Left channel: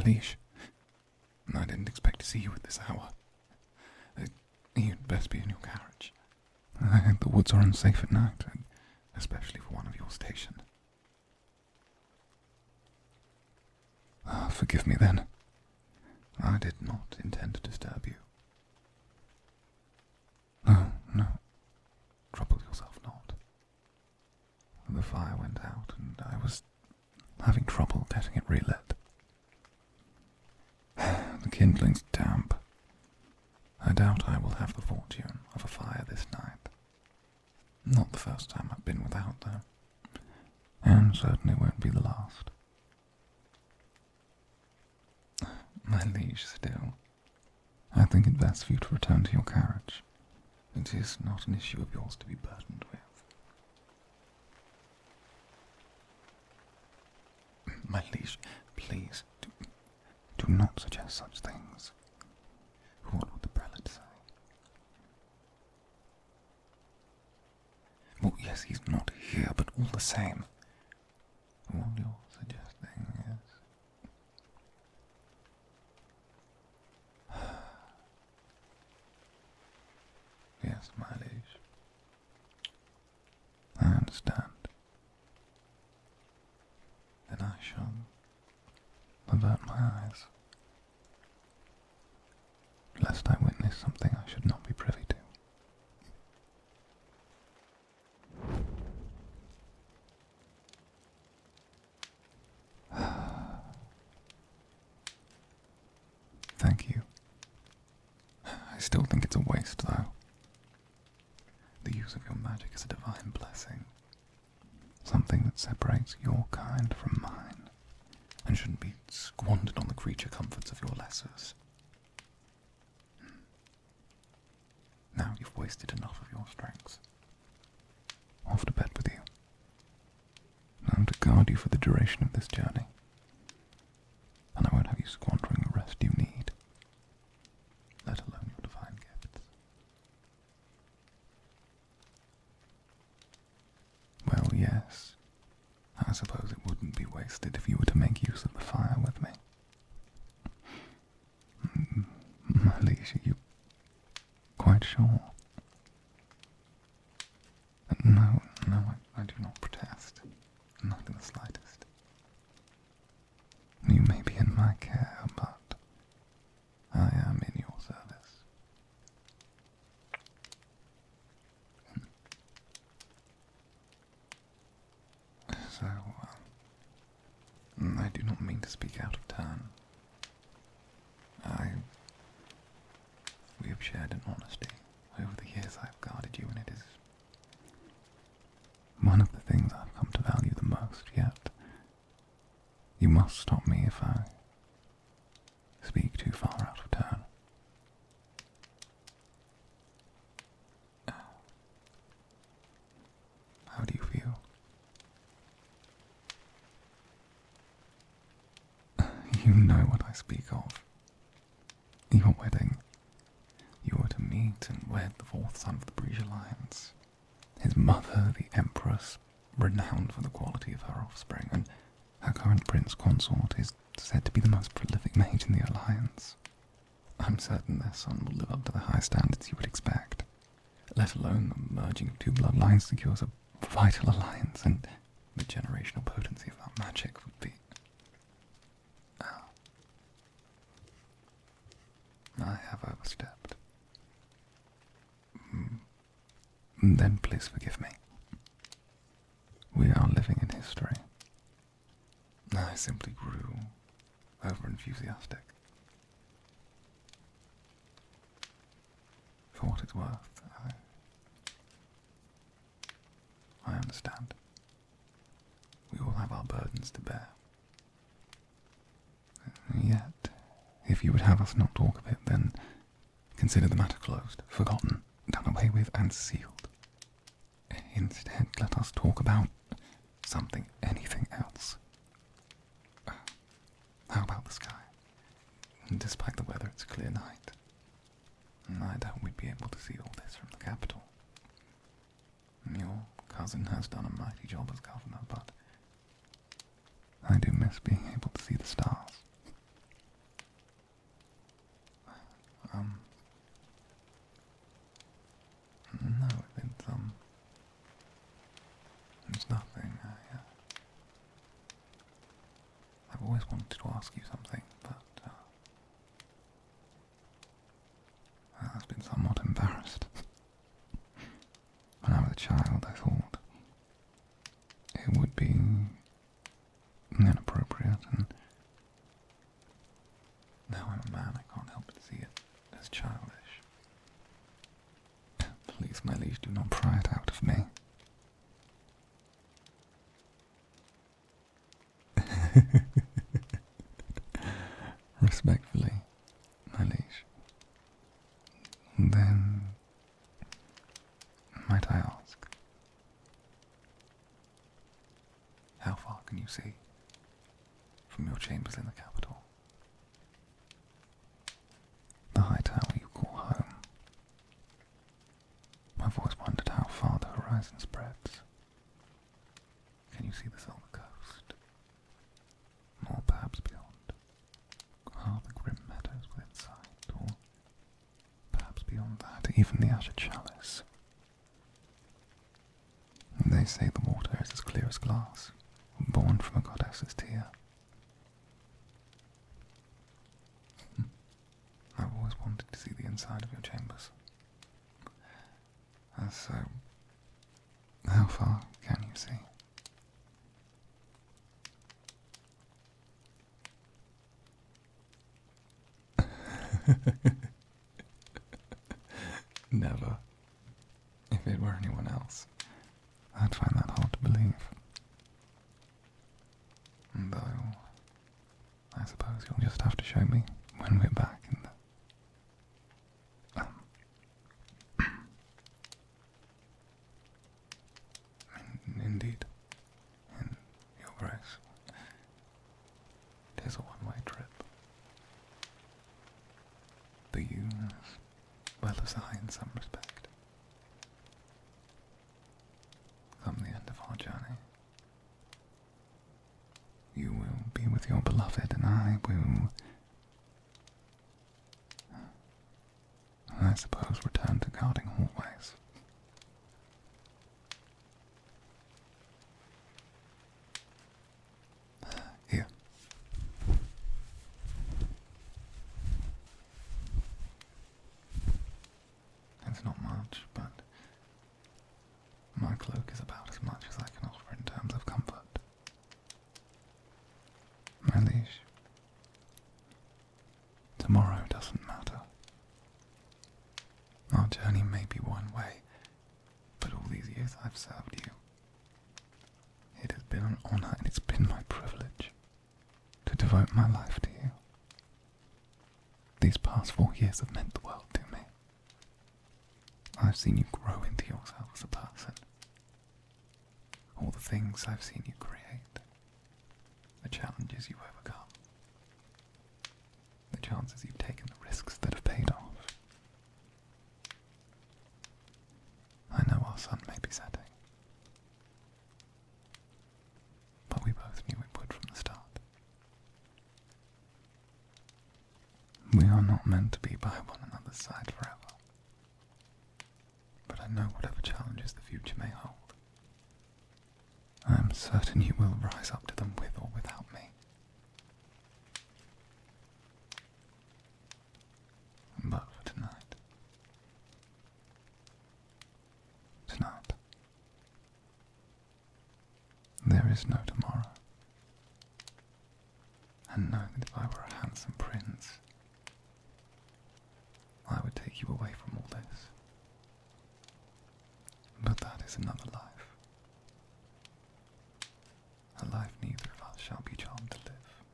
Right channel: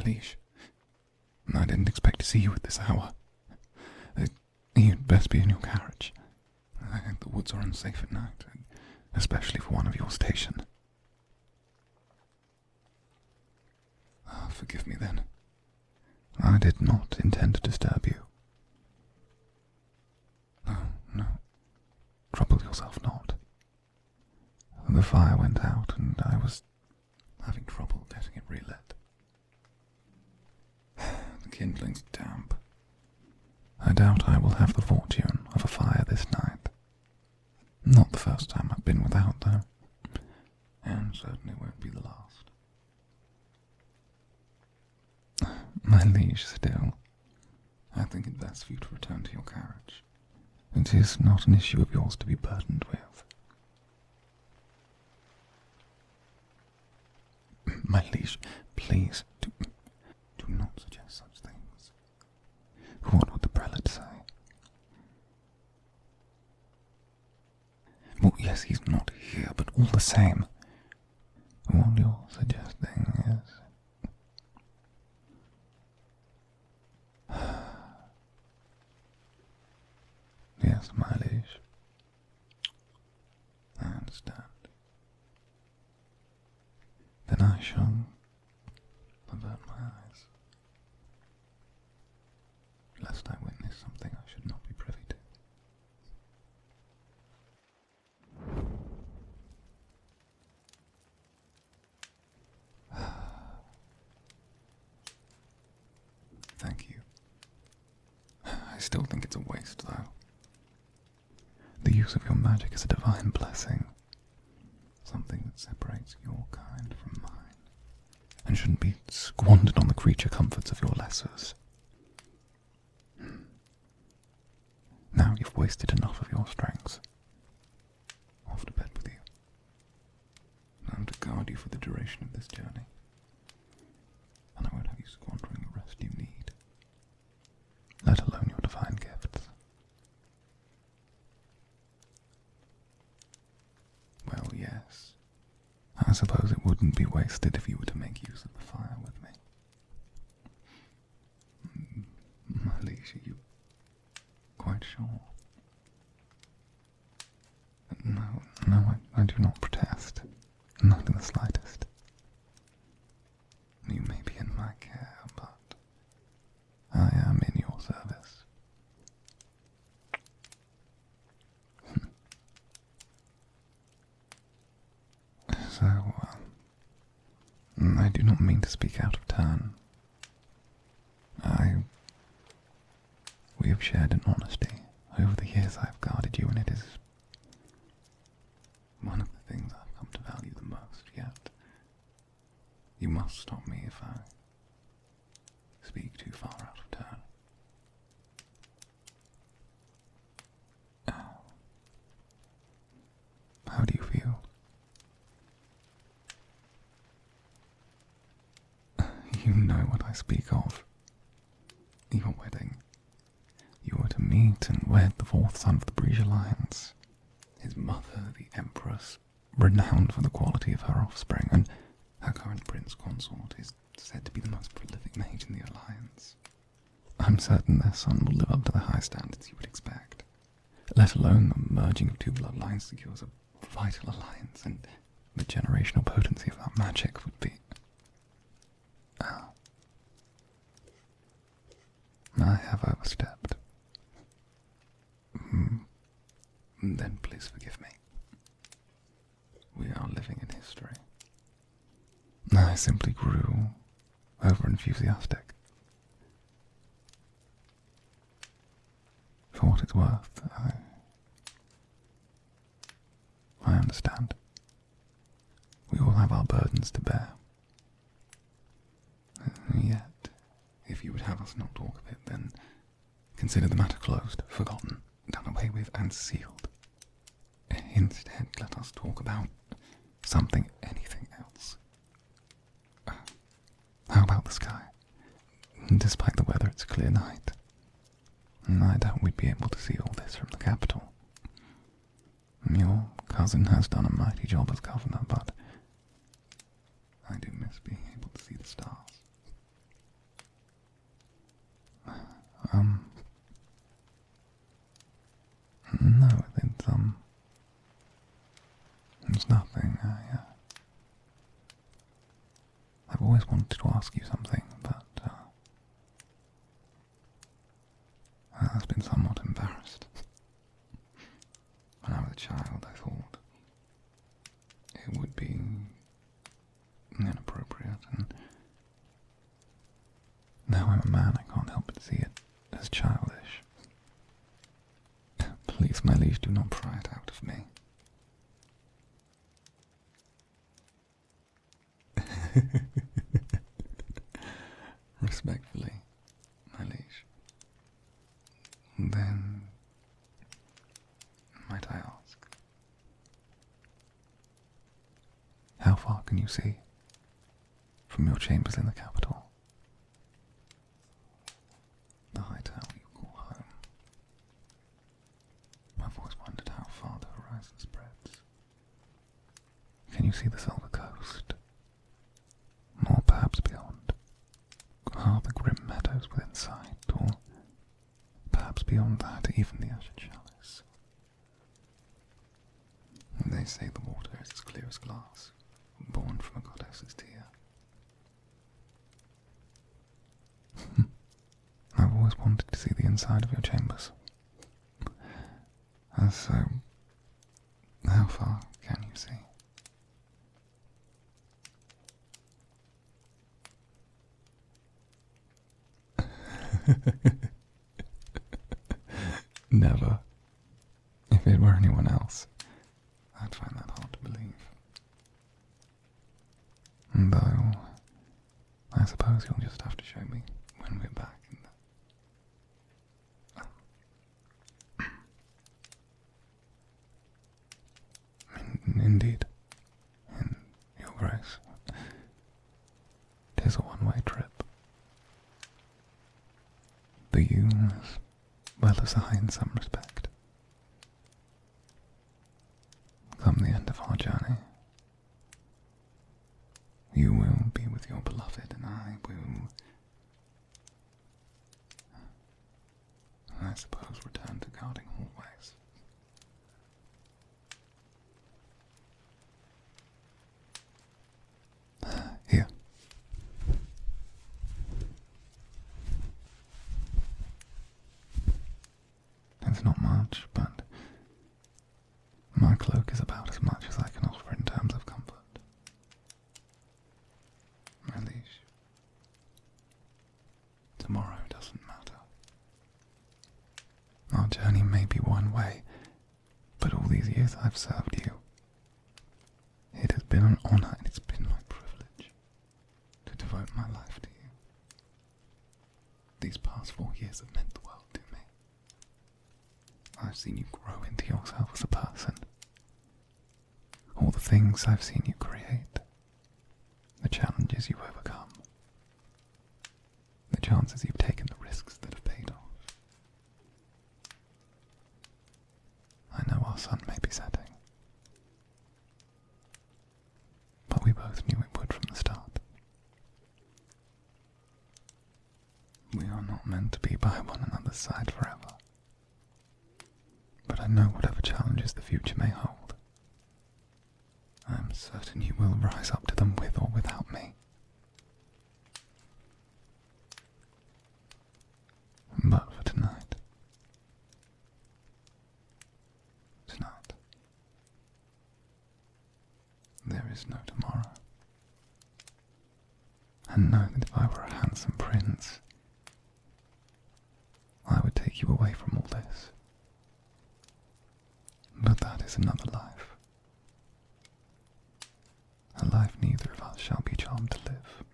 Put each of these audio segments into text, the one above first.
My liege, I didn't expect to see you at this hour. You'd best be in your carriage. The woods are unsafe at night, especially for one of your station. Forgive me then. I did not intend to disturb you. No. Trouble yourself not. The fire went out and I was having trouble getting it relit. The kindling's damp. I doubt I will have the fortune of a fire this night. Not the first time I've been without, though, and certainly won't be the last. My liege, still, I think it best for you to return to your carriage. It is not an issue of yours to be burdened with. My liege, please, do not suggest such things. What would the prelate say? Well, yes, he's not here, but all the same, what you're suggesting is... Yes, my liege. I understand. Then I shall avert my eyes, lest I witness something I should not be privy to. Thank you. I still think it's a waste, though. The use of your magic is a divine blessing, something that separates your kind from mine, and shouldn't be squandered on the creature comforts of your lessers. Now you've wasted enough of your strength. Off to bed with you. I'm to guard you for the duration of this journey, and I won't have you squandering the rest you need, let alone your divine gifts. Well, yes, I suppose it wouldn't be wasted if you were to make use of the fire with me. My liege, are you quite sure? No, I do not protest, not in the slightest. You may be in my care, but I am in your service. So, I do not mean to speak out of turn. We have shared in honesty. Over the years I have guarded you, and it is one of the things I've come to value the most, yet you must stop me if I speak too far out of turn. How do you feel? You know what I speak of. Your wedding. You were to meet and wed the fourth son of the Brige Alliance. His mother, the Empress, renowned for the quality of her offspring, and her current prince consort is said to be the most prolific mage in the Alliance. I'm certain their son will live up to the high standards you would expect, let alone the merging of two bloodlines secures a vital alliance, and the generational potency of that magic would be... I have overstepped. Then please forgive me. We are living in history. I simply grew over-enthusiastic. For what it's worth, I understand. We all have our burdens to bear. Yet, if you would have us not talk of it, then consider the matter closed, forgotten, done away with, and sealed. Instead, let us talk about something, anything else. How about the sky? Despite the weather, it's a clear night. I doubt we'd be able to see all this from the capital. Your cousin has done a mighty job as governor, but I do miss being able to see the stars. No, it's nothing. I've always wanted to ask you something, but I've been somewhat embarrassed. When I was a child, I thought it would be inappropriate, and now I'm a man, I can't help but see it as childish. Please, my liege, do not pry it out of me. Respectfully, my liege. Then, might I ask, how far can you see from your chambers in the capital? The high tower you call home. I've always wondered how far the horizon spreads. Can you see the Silver Coast? Or perhaps beyond? Are the grim meadows within sight? Or perhaps beyond that, even the azure chalice? They say the water is as clear as glass, born from a goddess's tear. I've always wanted to see the inside of your chambers. And so, how far can you see? Never. If it were anyone else, I'd find that hard to believe. Though, I suppose you'll just have to show me when we're back in the... Indeed, in your grace. 'Tis a one-way trip. The you as well as I in some respect. Come the end of our journey, you will be with your beloved, and I will, I suppose, return to guarding hallways. Here. It's not much, but my cloak is about as much as I can offer in terms of comfort. My liege, tomorrow doesn't matter. Our journey may be one way, but all these years I've served you. It has been an honor and it's been my privilege to devote my life to you. These past 4 years have meant the world to me. I've seen you grow into yourself as a person. All the things I've seen you create. The challenges you've overcome. The chances you've taken, the risks that have paid off. I know our sun may be setting. But we both knew it would from the start. We are not meant to be by one another's side forever. But I know whatever challenges the future may hold, I am certain you will rise up to them with or without me. But for tonight, there is no tomorrow. And know that if I were a handsome prince, I would take you away from all this. But that is another life. A life neither of us shall be charmed to live.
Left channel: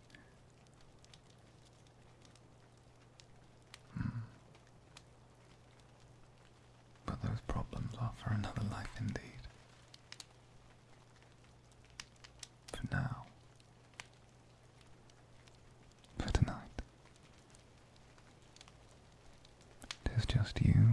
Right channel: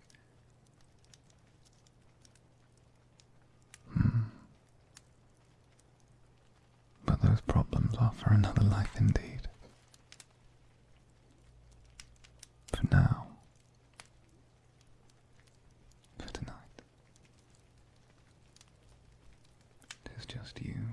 But those problems are for another life indeed. For now. For tonight. 'Tis just you